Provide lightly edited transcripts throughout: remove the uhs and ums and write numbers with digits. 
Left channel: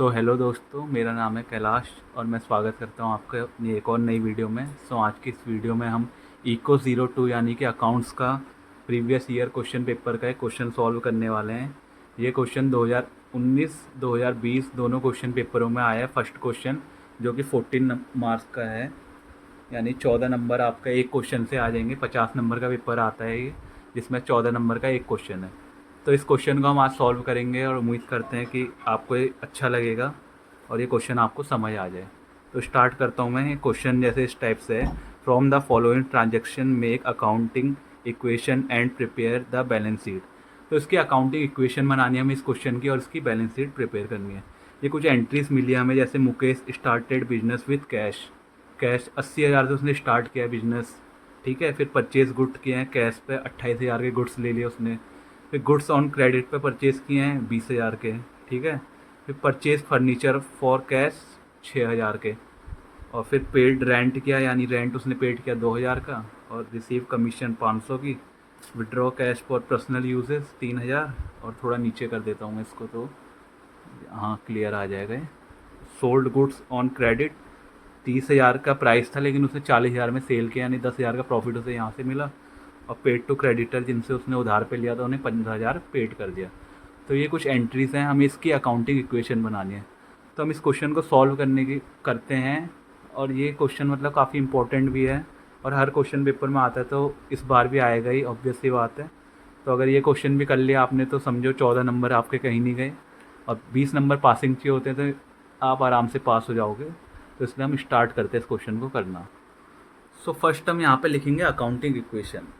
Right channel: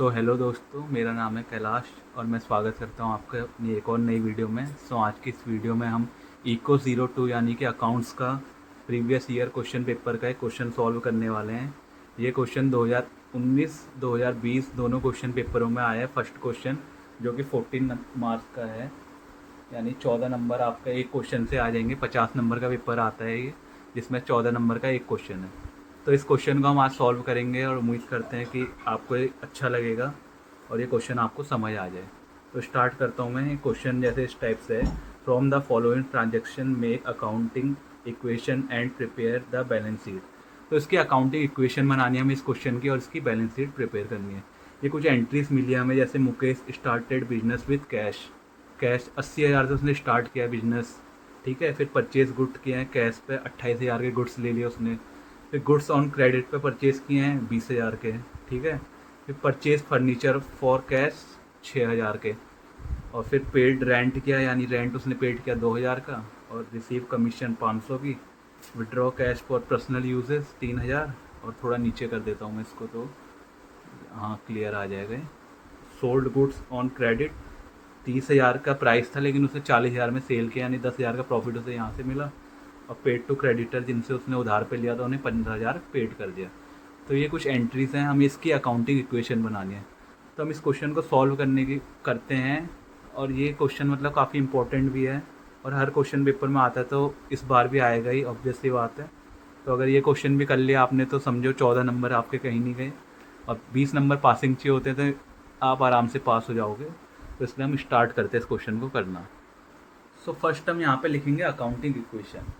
Hello दोस्तों, मेरा नाम है कैलाश और मैं स्वागत करता हूं आपका अपनी एक और नई वीडियो में। आज की इस वीडियो में हम इको 02 यानी कि अकाउंट्स का प्रीवियस ईयर क्वेश्चन पेपर का एक क्वेश्चन सॉल्व करने वाले हैं। ये क्वेश्चन 2019 2020 दोनों क्वेश्चन पेपरों में आया है। फर्स्ट क्वेश्चन जो कि 14 मार्क्स का है, यानी 14 नंबर आपका एक क्वेश्चन से आ जाएंगे। 50 नंबर का पेपर आता है ये, जिसमें 14 नंबर का एक क्वेश्चन है। तो इस क्वेश्चन को हम आज सॉल्व करेंगे और उम्मीद करते हैं कि आपको ये अच्छा लगेगा और ये क्वेश्चन आपको समझ आ जाए। तो स्टार्ट करता हूँ मैं। क्वेश्चन जैसे इस टाइप से है, from the following transaction make accounting equation and prepare the balance sheet. तो इसकी अकाउंटिंग इक्वेशन बनानी है हमें इस क्वेश्चन की और इसकी बैलेंस शीट प्रिपेयर करनी है। ये कुछ एंट्रीज मिली है हमें, जैसे Mukesh started business with cash. Cash 80,000 से उसने स्टार्ट किया है बिजनेस, ठीक है। फिर परचेज गुड किए हैं कैश पे, 28,000 के गुड्स ले लिए उसने। फिर गुड्स ऑन क्रेडिट पे परचेज किए हैं 20,000 के, ठीक है। फिर परचेज फर्नीचर फॉर कैश 6,000 के। और फिर पेड रेंट किया, यानी रेंट उसने पेड किया 2,000 का। और रिसीव कमीशन 500 की। Withdraw cash for personal uses 3,000। और थोड़ा नीचे कर देता हूँ मैं इसको, तो हाँ क्लियर आ जाएगा। सोल्ड गुड्स ऑन क्रेडिट 30,000 का प्राइस था, लेकिन उसने 40,000 में सेल किया, यानी 10,000 का प्रॉफिट उसे यहाँ से मिला। और पेड टू क्रेडिटर, जिनसे उसने उधार पे लिया था, उन्हें 15,000 पेड कर दिया। तो ये कुछ एंट्रीज हैं, हमें इसकी अकाउंटिंग इक्वेशन बनानी है। तो हम इस क्वेश्चन को सॉल्व करने की करते हैं। और ये क्वेश्चन मतलब काफ़ी इंपॉर्टेंट भी है और हर क्वेश्चन पेपर में आता है, तो इस बार भी आएगा ही, ऑब्वियसली बात है। तो अगर ये क्वेश्चन भी कर लिया आपने तो समझो 14 नंबर आपके कहीं नहीं गए। और 20 नंबर पासिंग चाहिए होते हैं, तो आप आराम से पास हो जाओगे। तो इसलिए हम स्टार्ट करते हैं इस क्वेश्चन को करना। सो फर्स्ट हम यहाँ पे लिखेंगे अकाउंटिंग इक्वेशन।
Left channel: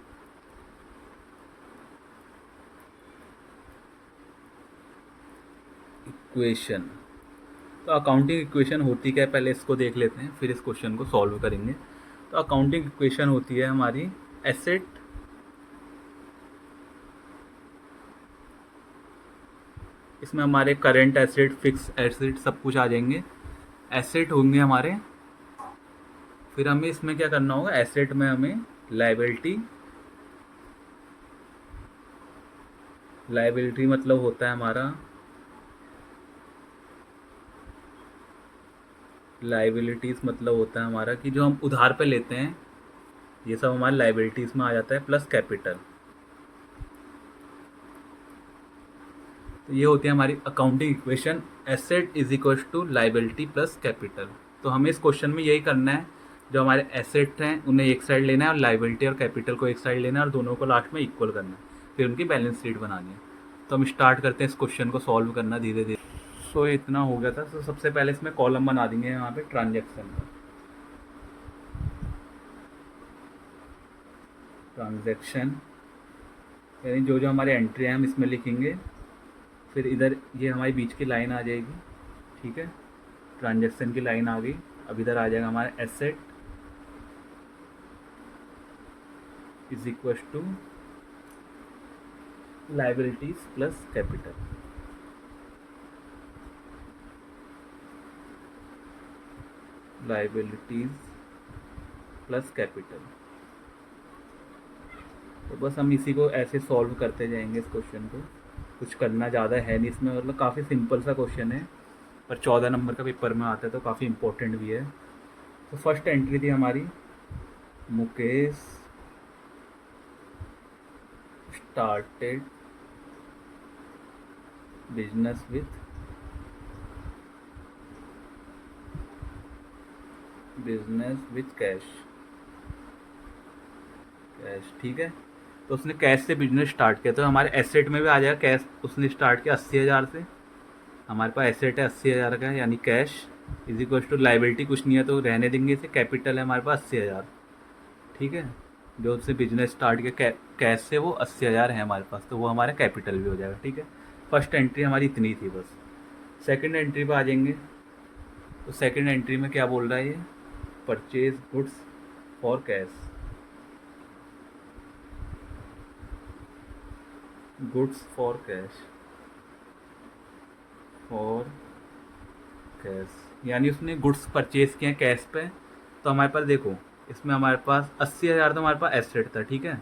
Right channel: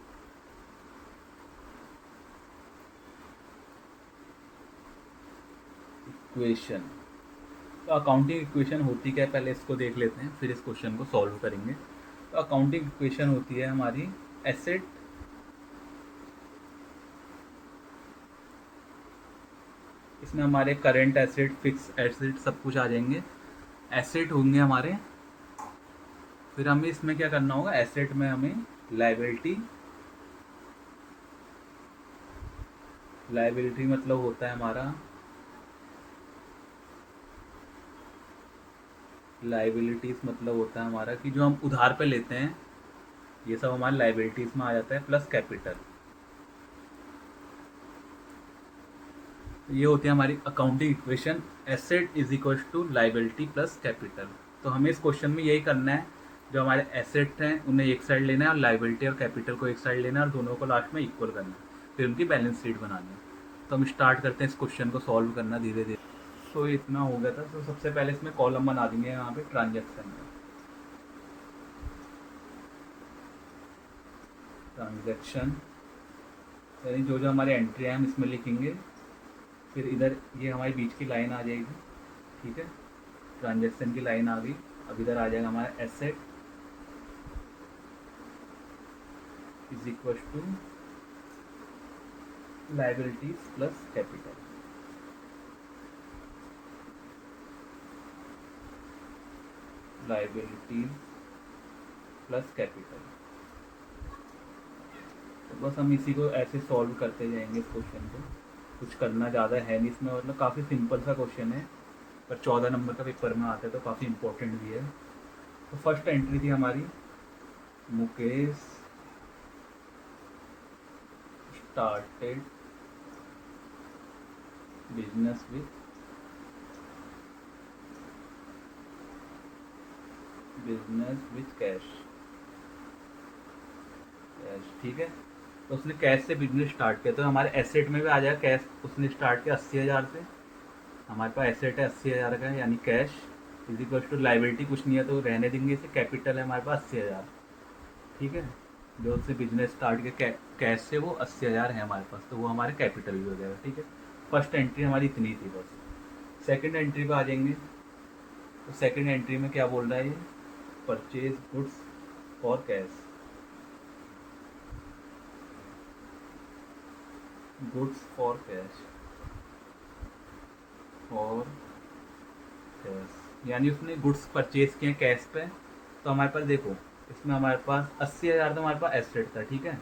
इक्वेशन, तो अकाउंटिंग इक्वेशन होती क्या है पहले इसको देख लेते हैं, फिर इस क्वेश्चन को सॉल्व करेंगे। तो अकाउंटिंग इक्वेशन होती है हमारी एसेट, इसमें हमारे करंट एसेट, फिक्स एसेट सब कुछ आ जाएंगे। एसेट होंगे हमारे, फिर हमें इसमें क्या करना होगा, एसेट में हमें लायबिलिटी, लायबिलिटी मतलब होता है हमारा, लाइबिलिटीज़ मतलब होता है हमारा कि जो हम उधार पे लेते हैं, ये सब हमारी लाइबिलिटीज़ में आ जाता है, प्लस कैपिटल। ये होती है हमारी accounting equation, asset is equal to liability plus capital. तो हमें इस क्वेश्चन में यही करना है, जो हमारे एसेट हैं उन्हें एक साइड लेना है और लाइबिलिटी और कैपिटल को एक साइड लेना है और दोनों को लास्ट में इक्वल करना है, फिर उनकी बैलेंस शीट बनानी है। तो हम स्टार्ट करते हैं इस क्वेश्चन को सॉल्व करना धीरे धीरे। सो इतना हो गया था। तो सबसे पहले इसमें कॉलम बना देंगे यहाँ पे ट्रांजेक्शन, ट्रांजेक्शन यानी जो जो हमारे एंट्री है हम इसमें लिखेंगे। फिर इधर ये हमारी बीच की लाइन आ जाएगी, ठीक है। ट्रांजेक्शन की लाइन आ गई। अब इधर आ जाएगा हमारा asset is equal to liabilities plus capital. Liabilities plus capital. तो बस हम इसी को ऐसे सॉल्व करते जाएंगे इस क्वेश्चन को। कुछ करना ज़्यादा है नहीं इसमें, मतलब काफ़ी सिंपल सा क्वेश्चन है, पर 14 नंबर का पेपर में आता है तो काफ़ी इंपॉर्टेंट भी है। तो फर्स्ट एंट्री थी हमारी, Mukesh started business with cash. Cash, ठीक है। तो उसने कैश से बिजनेस स्टार्ट किया, तो हमारे एसेट में भी आ जाएगा कैश। उसने स्टार्ट किया 80,000 से, हमारे पास एसेट है 80,000 का, यानी cash is equal to liability कुछ नहीं है तो रहने देंगे इसे, कैपिटल है हमारे पास 80,000, ठीक है। जो उसने बिजनेस स्टार्ट किया कैश से, वो 80,000 है हमारे पास, तो वो हमारा कैपिटल भी हो जाएगा, ठीक है। फर्स्ट एंट्री हमारी इतनी थी बस। सेकंड एंट्री पे आ जाएंगे। तो सेकंड एंट्री में क्या बोल रहा है ये, purchase goods for cash, goods for cash, for cash यानी उसने गुड्स परचेज किए कैश पे। तो हमारे पास देखो, इसमें हमारे पास 80,000 तो हमारे पास एसेट था, ठीक है,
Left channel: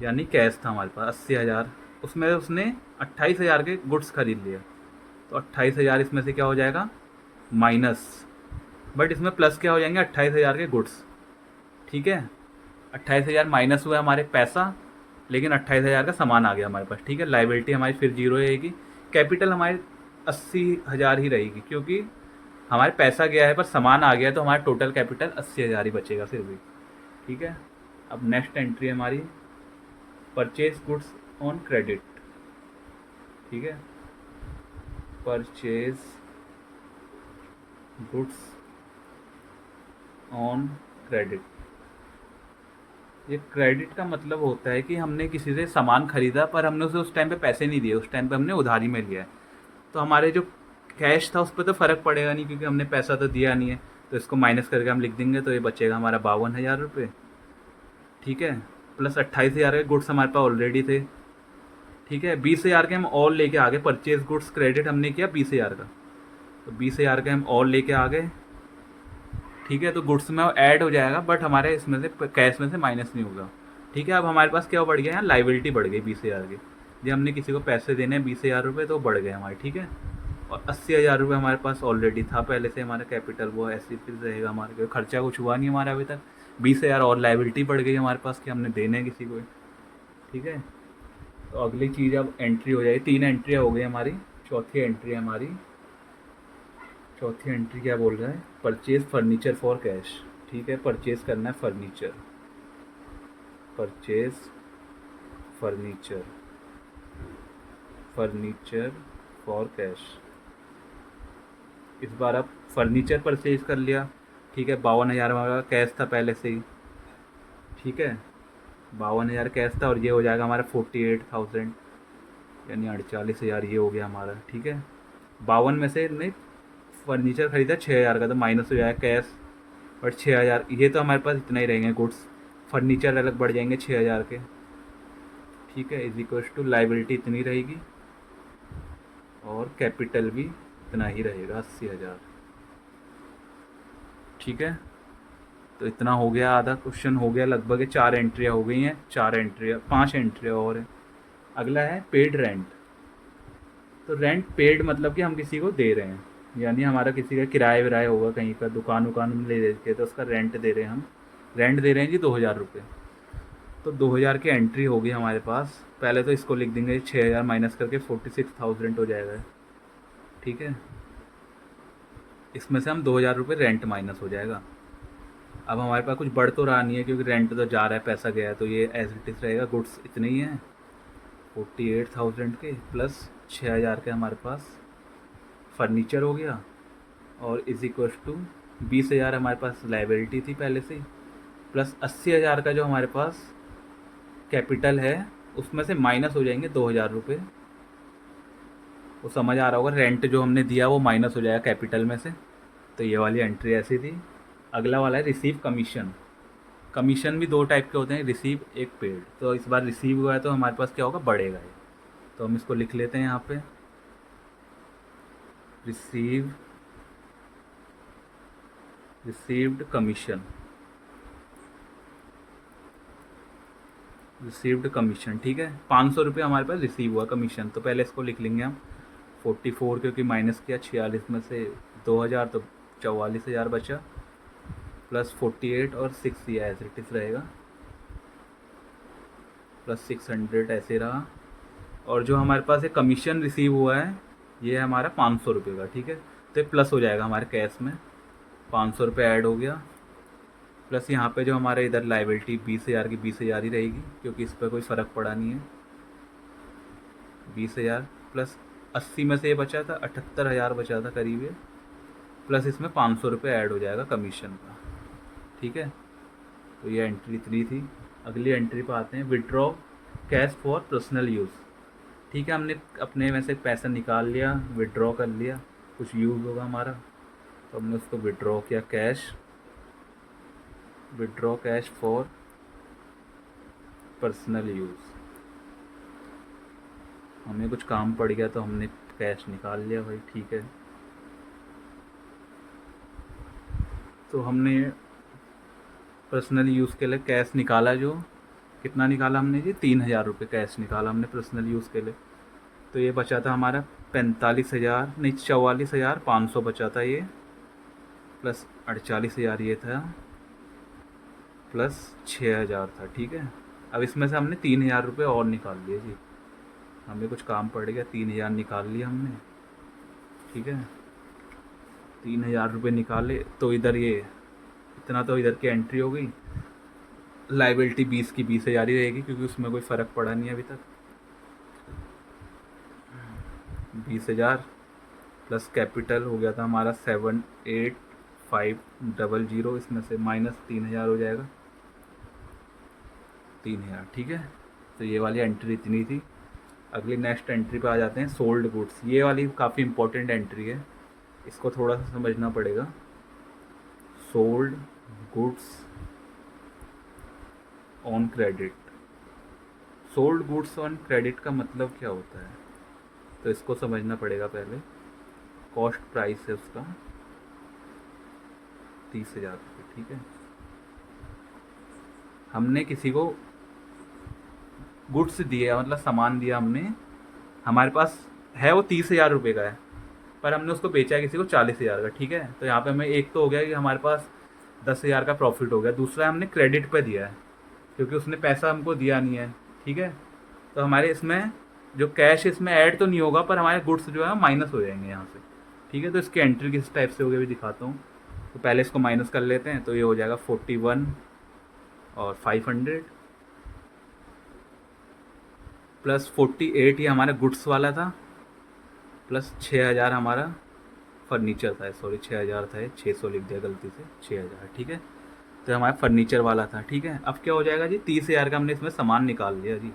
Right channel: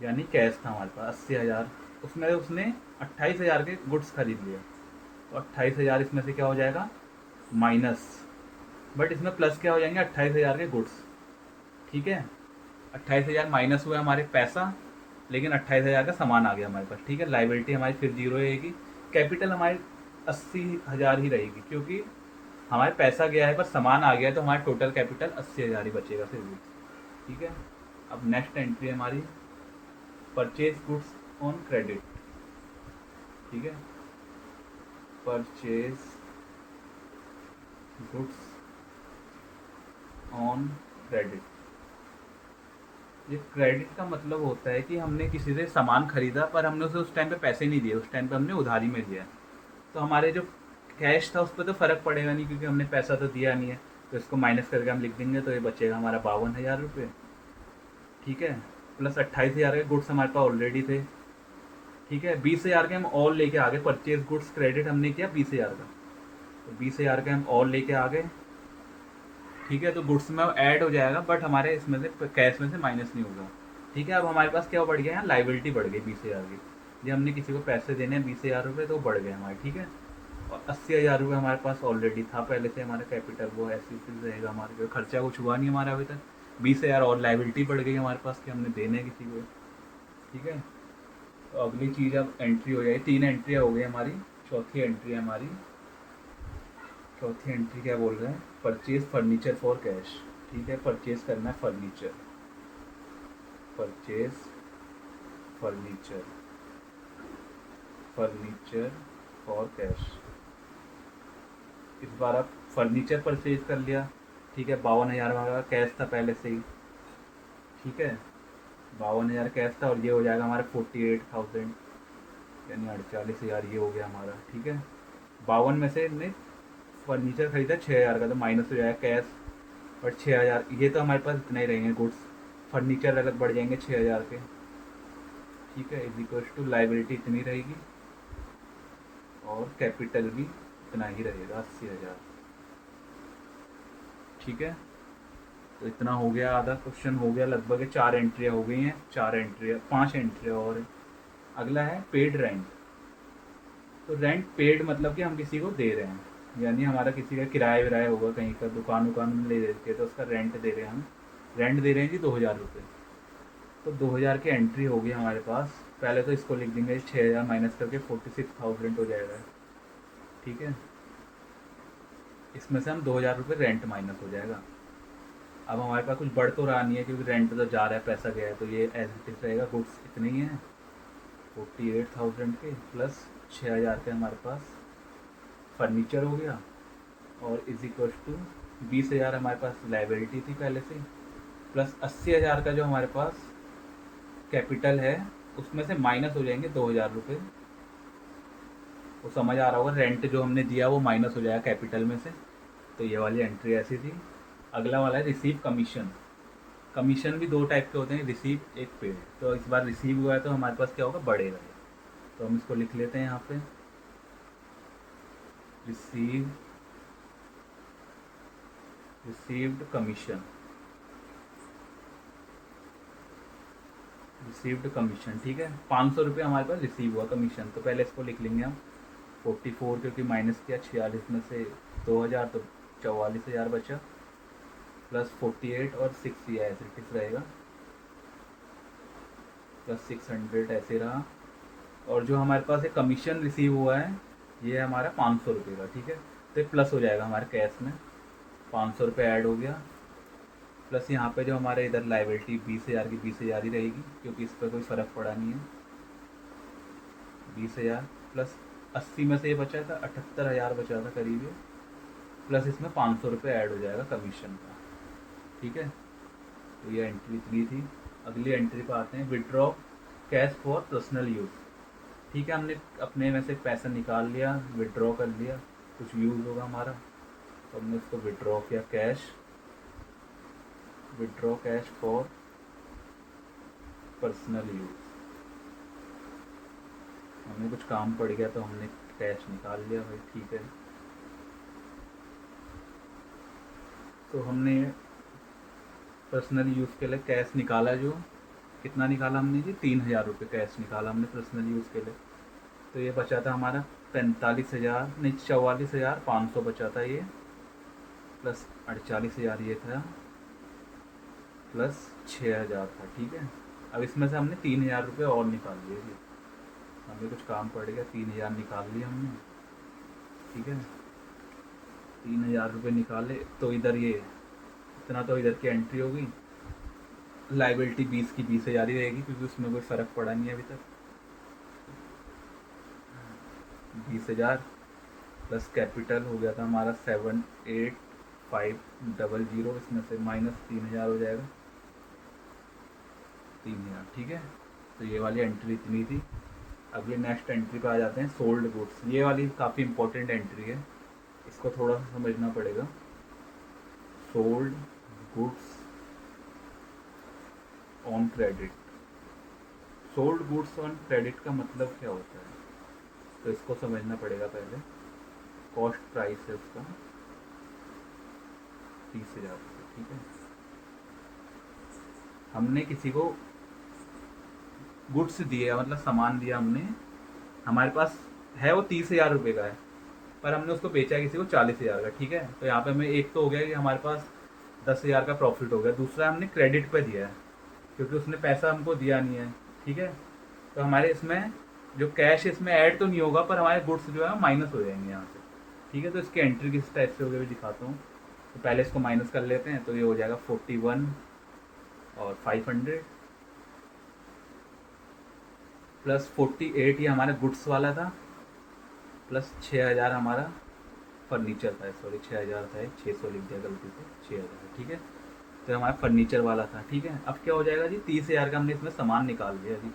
यानी कैश था हमारे पास 80,000। उसमें उसने 28,000 के गुड्स खरीद लिए, तो 28,000 इसमें से क्या हो जाएगा, माइनस, बट इसमें प्लस क्या हो जाएंगे, 28,000 के गुड्स। ठीक है, 28,000 माइनस हुआ हमारे पैसा, लेकिन 28,000 का सामान आ गया हमारे पास। ठीक है, लाइबिलिटी हमारी फिर जीरो रहेगी, कैपिटल हमारी 80,000 ही रहेगी, क्योंकि हमारे पैसा गया है पर सामान आ गया, तो हमारा टोटल कैपिटल 80,000 ही बचेगा फिर भी। ठीक है, अब नेक्स्ट एंट्री हमारी परचेज गुड्स ऑन क्रेडिट। ठीक है, परचेज गुड्स ऑन क्रेडिट। ये क्रेडिट का मतलब होता है कि हमने किसी से सामान खरीदा पर हमने उसे उस टाइम पे पैसे नहीं दिए, उस टाइम पे हमने उधारी में लिया है, तो हमारे जो कैश था उस पर तो फ़र्क पड़ेगा नहीं, क्योंकि हमने पैसा तो दिया नहीं है। तो इसको माइनस करके हम लिख देंगे, तो ये बचेगा हमारा 52,000 रुपये। ठीक है, प्लस 28,000 के गुड्स हमारे पास ऑलरेडी थे। ठीक है, 20,000 के हम और लेके आ गए, परचेज गुड्स क्रेडिट हमने किया 20,000 का, तो 20,000 के हम और लेके आ गए। ठीक है, तो गुड्स में ऐड हो जाएगा, बट हमारे इसमें से कैश में से माइनस नहीं होगा। ठीक है, अब हमारे पास क्या बढ़ गया, यहाँ लाइबिलिटी बढ़ गई 20,000 की। जब हमने किसी को पैसे देने हैं 20,000 रुपये, तो बढ़ गए हमारे। ठीक है, और 80,000 रुपये हमारे पास ऑलरेडी था पहले से हमारा कैपिटल, वो ऐसे फिर रहेगा हमारे, क्योंकि खर्चा कुछ हुआ नहीं हमारा अभी तक। 20,000 और लाइबिलिटी बढ़ गई हमारे पास कि हमने देने हैं किसी को। ठीक है, तो अगली चीज़ अब एंट्री हो जाएगी, 3 एंट्रियाँ हो गई हमारी। चौथी एंट्री हमारी, चौथी एंट्री क्या बोल रहा है, परचेज फर्नीचर फॉर कैश। ठीक है, परचेज करना है furniture, purchase furniture, furniture for cash. इस बार आप फर्नीचर परचेज कर लिया। ठीक है, 52,000 हमारा कैश था पहले से ही। ठीक है, 52,000 कैश था, और ये हो जाएगा हमारा 48,000, यानी 48,000 ये हो गया हमारा। ठीक है, 52 में से नहीं, फर्नीचर खरीदा 6,000 का, तो माइनस हो जाएगा कैश, बट 6,000 ये तो हमारे पास इतना ही रहेंगे गुड्स, फर्नीचर अलग बढ़ जाएंगे 6,000 के। ठीक है, इज इक्वल्स टू लाइबिलिटी इतनी रहेगी, और कैपिटल भी इतना ही रहेगा 80,000। ठीक है, तो इतना हो गया, आधा क्वेश्चन हो गया लगभग। 4 एंट्रियाँ हो गई हैं, 4 एंट्रियाँ, 5 एंट्रियाँ और हैं। अगला है पेड रेंट। तो रेंट पेड मतलब कि हम किसी को दे रहे हैं, यानी हमारा किसी का किराया विराया होगा, कहीं का दुकान उकान में ले देते तो उसका रेंट दे रहे हैं हम। रेंट दे रहे हैं जी 2,000 रुपये, तो 2,000 की एंट्री होगी हमारे पास। पहले तो इसको लिख देंगे 6,000 माइनस करके 46,000 हो जाएगा। ठीक है, इसमें से हम 2,000 रुपये रेंट माइनस हो जाएगा। अब हमारे पास कुछ बढ़ तो रहा नहीं है, क्योंकि रेंट तो जा रहा है, पैसा गया है, तो ये एज इट इज़ रहेगा। गुड्स इतने ही हैं 48,000 के, प्लस 6,000 के हमारे पास फर्नीचर हो गया, और इज इक्वल टू 20,000 हमारे पास लाइबिलिटी थी पहले से, प्लस 80,000 का जो हमारे पास कैपिटल है, उसमें से माइनस हो जाएंगे 2,000 रुपये। वो समझ आ रहा होगा, रेंट जो हमने दिया वो माइनस हो जाएगा कैपिटल में से। तो ये वाली एंट्री ऐसी थी। अगला वाला है रिसीव कमीशन। कमीशन भी 2 टाइप के होते हैं, रिसीव एक पेड। तो इस बार रिसीव हुआ है, तो हमारे पास क्या होगा, बढ़ेगा ये। तो हम इसको लिख लेते हैं यहाँ पे, receive, received commission, received commission. ठीक है, 500 रुपये हमारे पास रिसीव हुआ कमीशन, तो पहले इसको लिख लेंगे हम 44, क्योंकि माइनस किया 46 में से 2,000, तो 44,000 बचा, प्लस 48 और 6 ये ऐसे टिस रहेगा, प्लस 600 ऐसे रहा। और जो हमारे पास एक कमीशन रिसीव हुआ है, ये है हमारा 500 रुपये का। ठीक है, तो ये प्लस हो जाएगा हमारे कैश में, 500 रुपये ऐड हो गया, प्लस यहाँ पे जो हमारे इधर लाइबिलिटी 20,000 की 20,000 ही रहेगी, क्योंकि इस पर कोई फ़र्क पड़ा नहीं है। 20,000 प्लस 80 में से ये बचा था, 78,000 बचा था करीब ये, प्लस इसमें 500 रुपये ऐड हो जाएगा कमीशन का। ठीक है, तो ये एंट्री इतनी थी। अगली एंट्री पर आते हैं, withdraw cash for personal use. ठीक है, हमने अपने में से पैसा निकाल लिया, विड्रॉ कर लिया, कुछ यूज़ होगा हमारा, तो हमने उसको विड्रॉ किया cash, withdraw cash for personal use. हमें कुछ काम पड़ गया तो हमने कैश निकाल लिया भाई। ठीक है, तो हमने पर्सनल यूज़ के लिए कैश निकाला, जो कितना निकाला हमने जी, 3,000 रुपये कैश निकाला हमने पर्सनल यूज़ के लिए। तो ये बचा था हमारा 45,000 नहीं 44,500 बचा था ये, प्लस 48,000 ये था, प्लस 6,000 था। ठीक है, अब इसमें से हमने 3,000 रुपये और निकाल लिए जी, हमें कुछ काम पड़ गया, 3,000 निकाल लिए हमने। ठीक है, 3,000 रुपये निकाले तो इधर ये इतना तो इधर की एंट्री हो गई। लाइबिलिटी 20 की 20,000 ही रहेगी क्योंकि उसमें कोई फ़र्क पड़ा नहीं है अभी तक। 20,000 प्लस कैपिटल हो गया था हमारा 7,8,500, इसमें से माइनस 3,000 हो जाएगा, 3,000। ठीक है, तो ये वाली एंट्री इतनी थी। अगली नेक्स्ट एंट्री पे आ जाते हैं, सोल्ड गुड्स। ये वाली काफ़ी इंपॉर्टेंट एंट्री है, इसको थोड़ा सा समझना पड़ेगा। Sold goods on credit. Sold goods on credit का मतलब क्या होता है, तो इसको समझना पड़ेगा पहले। कॉस्ट प्राइस है उसका 30,000 रुपये। ठीक है, हमने किसी को गुड्स दिए, मतलब सामान दिया हमने, हमारे पास है वो 30,000 रुपये का है, पर हमने उसको बेचा है किसी को 40,000 का। ठीक है, तो यहाँ पे हमें एक तो हो गया कि हमारे पास 10,000 का प्रॉफिट हो गया, दूसरा हमने क्रेडिट पे दिया है क्योंकि उसने पैसा हमको दिया नहीं है। ठीक है, तो हमारे इसमें जो कैश इसमें ऐड तो नहीं होगा, पर हमारे गुड्स जो है माइनस हो जाएंगे यहाँ से। ठीक है, तो इसकी एंट्री किस टाइप से होगी अभी दिखाता हूँ। तो पहले इसको माइनस कर लेते हैं, तो ये हो जाएगा 41 और 500 प्लस 48 ये हमारा गुड्स वाला था, प्लस 6,000 हमारा फर्नीचर था। सॉरी 6,000 था, 600 लिख दिया गलती से, 6,000। ठीक है, तो हमारा फर्नीचर वाला था। ठीक है, अब क्या हो जाएगा जी, 30,000 का हमने इसमें सामान निकाल लिया जी।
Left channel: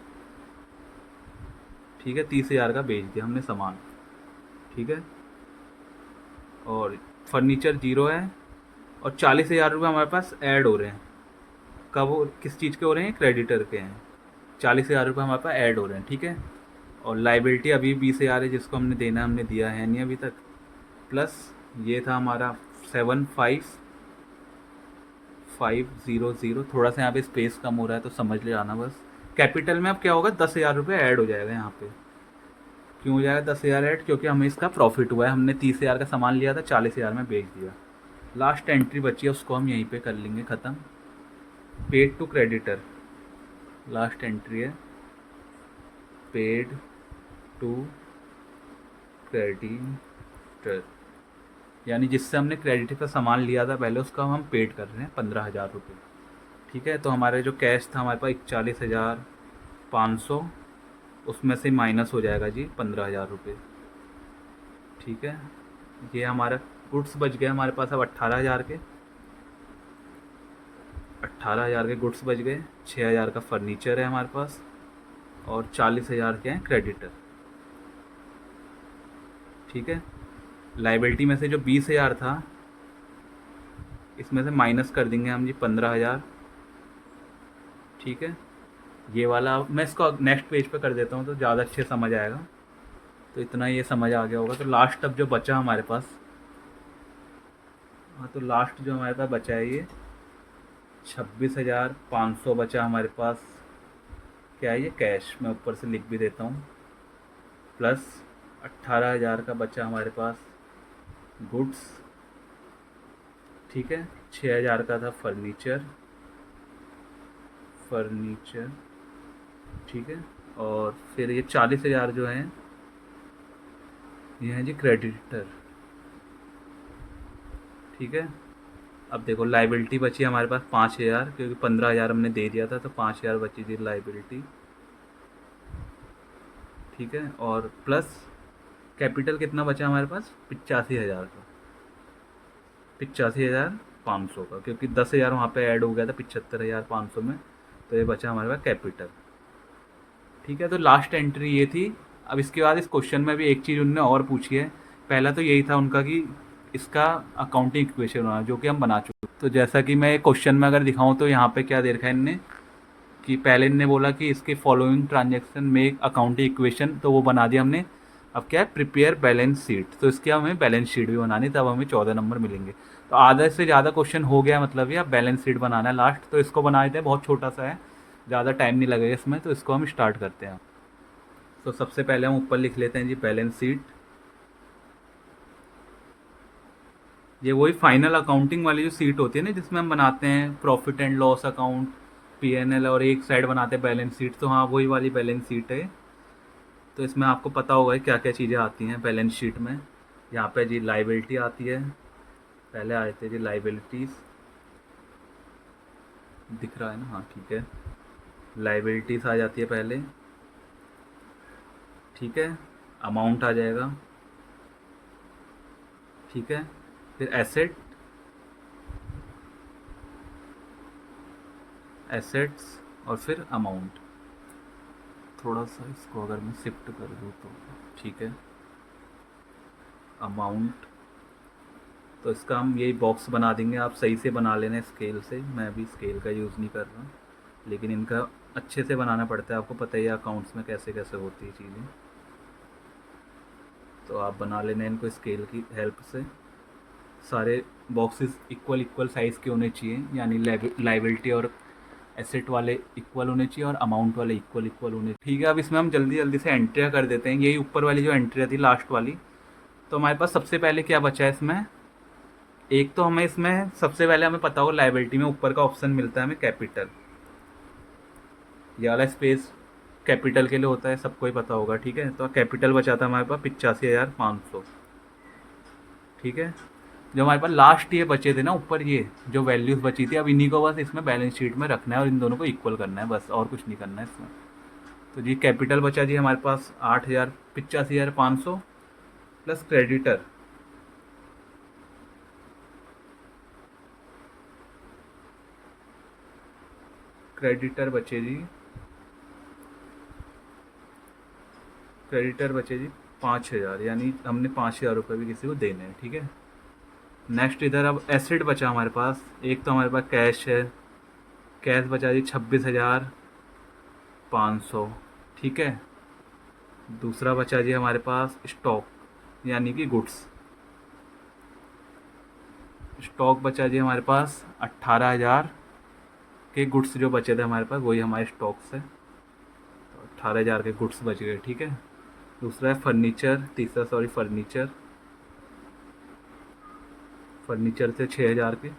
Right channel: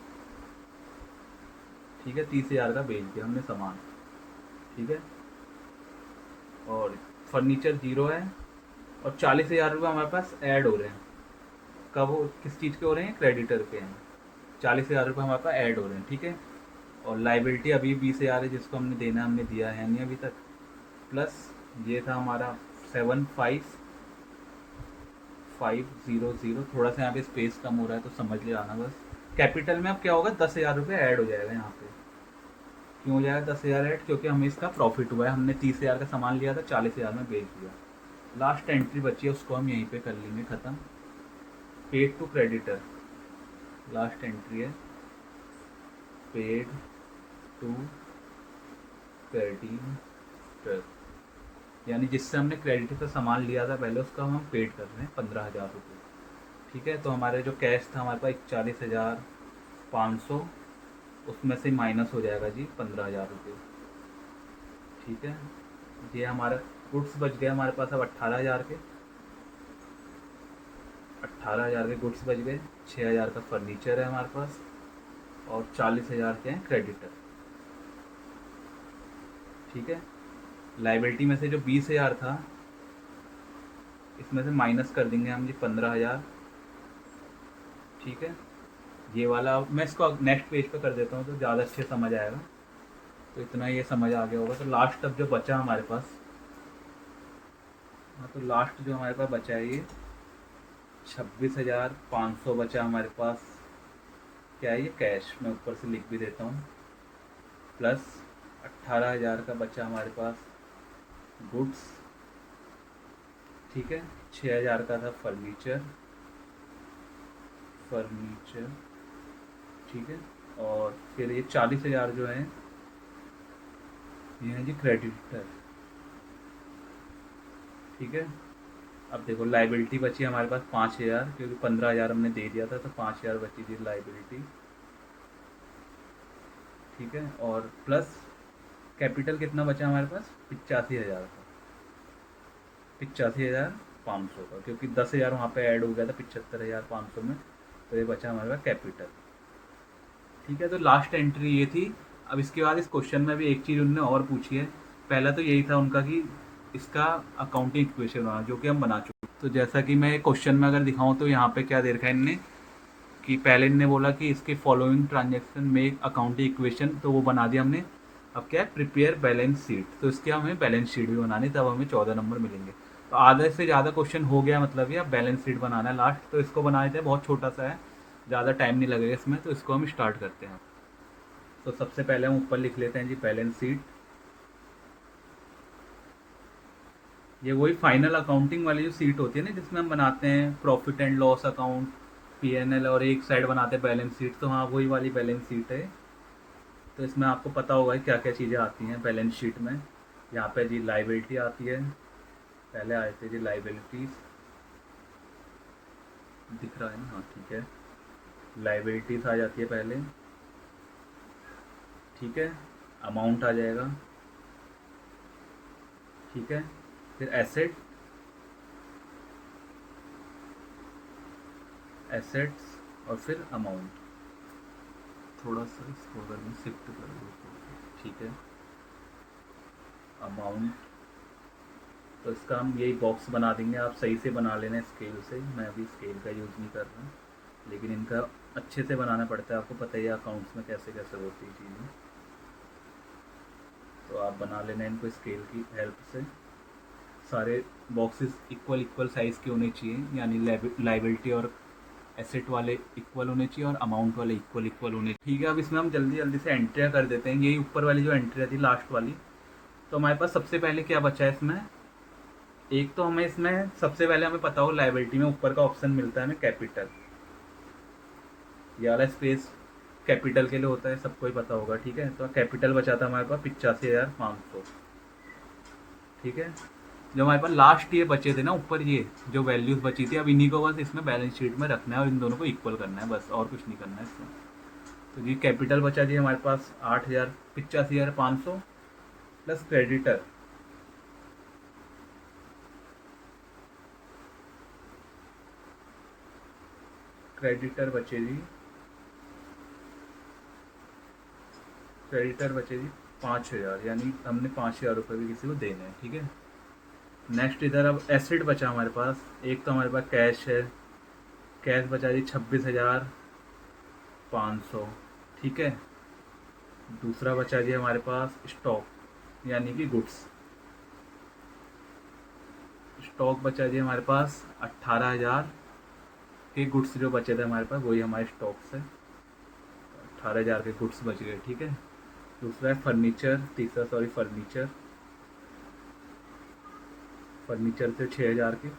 ठीक है, 30,000 का बेच दिया हमने सामान। ठीक है, और फर्नीचर जीरो है, और 40,000 रुपये हमारे पास ऐड हो रहे हैं। कब किस चीज़ के हो रहे हैं, क्रेडिटर के हैं। 40,000 रुपये हमारे पास ऐड हो रहे हैं। ठीक है, और लाइबिलिटी अभी 20,000 है जिसको हमने देना है, हमने दिया है नहीं अभी तक। प्लस ये था हमारा 7,500, थोड़ा सा यहाँ पे स्पेस कम हो रहा है तो समझ ले आना बस। कैपिटल में अब क्या होगा, 10,000 रुपये ऐड हो जाएगा यहाँ पे। क्यों हो जाएगा 10,000 ऐड, क्योंकि हमें इसका प्रॉफिट हुआ है, हमने 30,000 का सामान लिया था, 40,000 में बेच दिया। लास्ट एंट्री बची है, उसको हम यहीं पे कर लेंगे ख़त्म। Paid to creditor, last entry है, पेड टू क्रेडिटर, यानी जिससे हमने क्रेडिट का सामान लिया था पहले, उसका हम पेड कर रहे हैं 15,000 रुपये। ठीक है, तो हमारे जो कैश था हमारे पास 41,500, उसमें से माइनस हो जाएगा जी 15,000 रुपये। ठीक है, ये हमारा गुड्स बच गया हमारे पास अब 18,000 के, 18,000 के गुड्स बच गए। 6,000 का फर्नीचर है हमारे पास, और 40,000 के हैं क्रेडिटर। ठीक है, लाइबिलिटी में से जो 20,000 था, इसमें से माइनस कर देंगे हम जी 15,000। ठीक है, ये वाला मैं इसको नेक्स्ट पेज पे कर देता हूँ तो ज़्यादा अच्छे समझ आएगा। तो इतना ये समझ आ गया होगा। तो लास्ट अब जो बचा हमारे पास, हाँ, तो लास्ट जो हमारे पास बचा है ये 26,500 बचा हमारे पास। क्या है ये, कैश। मैं ऊपर से लिख भी देता हूँ। प्लस 18,000 का बचा हमारे पास गुड्स। ठीक है, 6,000 का था फर्नीचर। ठीक है, और फिर ये 40,000 जो है ये है जी क्रेडिटर। ठीक है, अब देखो लाइबिलिटी बची हमारे पास 5,000, क्योंकि 15,000 हमने दे दिया था, तो 5,000 बची थी लाइबिलिटी। ठीक है, और प्लस कैपिटल कितना बचा हमारे पास, 85,000 का, 85,500 का, क्योंकि 10,000 वहाँ पे ऐड हो गया था 75,500 में, तो ये बचा हमारे पास कैपिटल। ठीक है, तो लास्ट एंट्री ये थी। अब इसके बाद इस क्वेश्चन में भी एक चीज़ उन्होंने और पूछी है। पहला तो यही था उनका कि इसका अकाउंटिंग इक्वेशन बनाना, जो कि हम बना चुके। तो जैसा कि मैं क्वेश्चन में अगर दिखाऊं तो यहाँ पे क्या दे रखा है इनने, कि पहले इनने बोला कि इसके फॉलोइंग ट्रांजेक्शन में अकाउंटिंग इक्वेशन, तो वो बना दिया हमने। अब क्या है, प्रिपेयर बैलेंस शीट, तो इसके हमें बैलेंस शीट भी बनानी, तब हमें 14 नंबर मिलेंगे। तो आधे से ज़्यादा क्वेश्चन हो गया, मतलब ये अब बैलेंस शीट बनाना है लास्ट। तो इसको बना देते हैं, बहुत छोटा सा है, ज़्यादा टाइम नहीं लगेगा इसमें, तो इसको हम स्टार्ट करते हैं। तो सबसे पहले हम ऊपर लिख लेते हैं जी बैलेंस शीट। ये वही फाइनल अकाउंटिंग वाली जो सीट होती है ना, जिसमें हम बनाते हैं profit and loss account, PNL, और एक साइड बनाते हैं बैलेंस शीट। तो हाँ, वही वाली बैलेंस शीट है। तो इसमें आपको पता होगा क्या क्या चीज़ें आती हैं बैलेंस शीट में। यहाँ पे जी लाइबिलिटी आती है, पहले आए थे जी लाइबिलिटीज़, दिख रहा है ना, हाँ ठीक है। लाइबिलिटीज़ आ जाती है पहले, ठीक है। अमाउंट आ जाएगा, ठीक है। फिर एसेट, एसेट्स, और फिर अमाउंट। थोड़ा सा इसको अगर मैं शिफ्ट कर दूँ तो ठीक है। अमाउंट, तो इसका हम यही बॉक्स बना देंगे, आप सही से बना लेना स्केल से। मैं अभी स्केल का यूज़ नहीं कर रहा हूँ, लेकिन इनका अच्छे से बनाना पड़ता है, आपको पता ही है अकाउंट्स में कैसे कैसे होती है चीज़ें। तो आप बना लेना इनको स्केल की हेल्प से। सारे बॉक्सेस इक्वल इक्वल साइज़ के होने चाहिए, यानी लाइबिलिटी और एसेट वाले इक्वल होने चाहिए और अमाउंट वाले इक्वल इक्वल होने चाहिए, ठीक है। अब इसमें हम जल्दी जल्दी से एंट्रियाँ कर देते हैं। यही ऊपर वाली जो एंट्री थी लास्ट वाली, तो हमारे पास सबसे पहले क्या बचा है इसमें, एक तो हमें इसमें सबसे पहले हमें पता होगा लाइबिलिटी में ऊपर का ऑप्शन मिलता है हमें कैपिटल, ये वाला स्पेस कैपिटल के लिए होता है, सबको ही पता होगा, ठीक है। तो कैपिटल बचा था हमारे पास 85,500, ठीक है। जो हमारे पास लास्ट ये बचे थे ना ऊपर, ये जो वैल्यूज़ बची थी, अब इन्हीं को बस इसमें बैलेंस शीट में रखना है और इन दोनों को इक्वल करना है, बस और कुछ नहीं करना है इसमें। तो जी कैपिटल बचा जी हमारे पास 85,500 प्लस क्रेडिटर, क्रेडिटर बचे जी, क्रेडिटर बचे जी 5,000, यानी हमने 5,000 रुपये भी किसी को देने हैं, ठीक है। नेक्स्ट इधर अब एसेट बचा हमारे पास, एक तो हमारे पास कैश है, कैश बचा जी 26,500, ठीक है। दूसरा बचा जी हमारे पास स्टॉक, यानी कि गुड्स, स्टॉक बचा जी हमारे पास 18,000 के गुड्स जो बचे थे हमारे पास, वही हमारे स्टॉक से 18,000 के गुड्स बच गए, ठीक है। दूसरा है फर्नीचर, तीसरा सॉरी फर्नीचर, फर्नीचर से 6,000 के।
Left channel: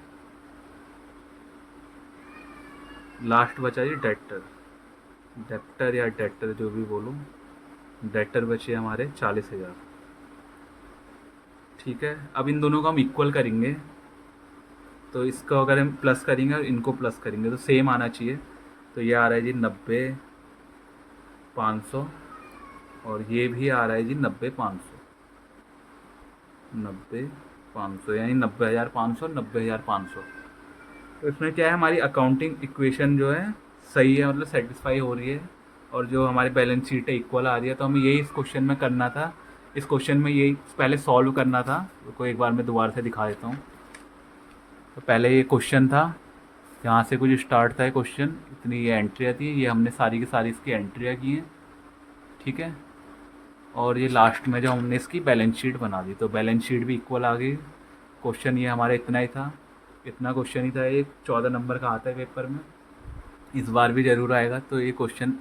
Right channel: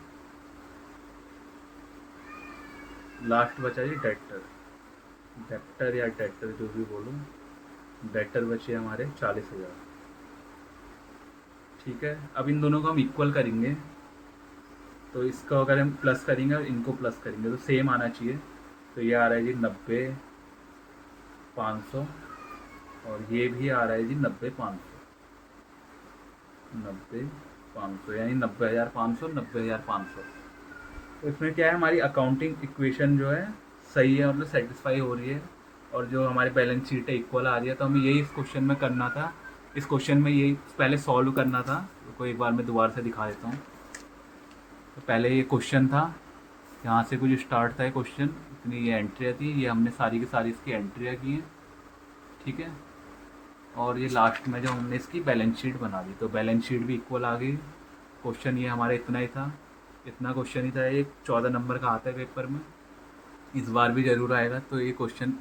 लास्ट बचा जी डेक्टर, डेक्टर या डेक्टर जो भी बोलूँ, डेक्टर बचे हमारे 40,000, ठीक है। अब इन दोनों को हम इक्वल करेंगे, तो इसको अगर हम प्लस करेंगे और इनको प्लस करेंगे तो सेम आना चाहिए। तो ये आ रहा है जी 90,500, और ये भी आ रहा है जी 90,500, 90,500 यानी 90,500, 90,500। तो इसमें क्या है, हमारी अकाउंटिंग इक्वेशन जो है सही है, मतलब सेटिस्फाई हो रही है, और जो हमारी बैलेंस शीट है इक्वल आ रही है। तो हमें यही इस क्वेश्चन में करना था, इस क्वेश्चन में यही पहले सॉल्व करना था। तो एक बार मैं दोबारा से दिखा देता हूँ। तो पहले ये क्वेश्चन था, यहाँ से कुछ स्टार्ट था क्वेश्चन, इतनी ये एंट्रियाँ थी, ये हमने सारी की सारी इसकी एंट्रियाँ की हैं, ठीक है। और ये लास्ट में जब हमने इसकी बैलेंस शीट बना दी, तो बैलेंस शीट भी इक्वल आ गई। क्वेश्चन ये हमारा इतना ही था, इतना क्वेश्चन ही था। ये 14 नंबर का आता है पेपर में, इस बार भी ज़रूर आएगा। तो ये क्वेश्चन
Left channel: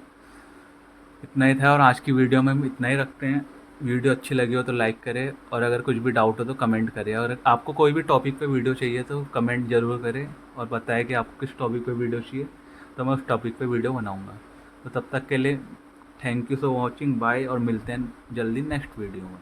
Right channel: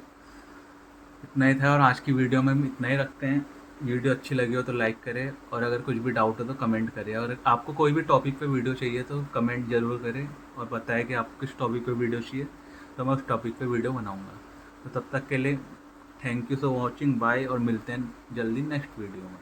इतना ही था, और आज की वीडियो में हम इतना ही रखते हैं। वीडियो अच्छी लगी हो तो लाइक करें, और अगर कुछ भी डाउट हो तो कमेंट करें, और आपको कोई भी टॉपिक पे वीडियो चाहिए तो कमेंट ज़रूर करें और बताएं कि आपको किस टॉपिक पे वीडियो चाहिए, तो मैं उस टॉपिक पे वीडियो बनाऊँगा। तो तब तक के लिए thank you for watching, bye, और मिलते हैं जल्दी नेक्स्ट वीडियो में।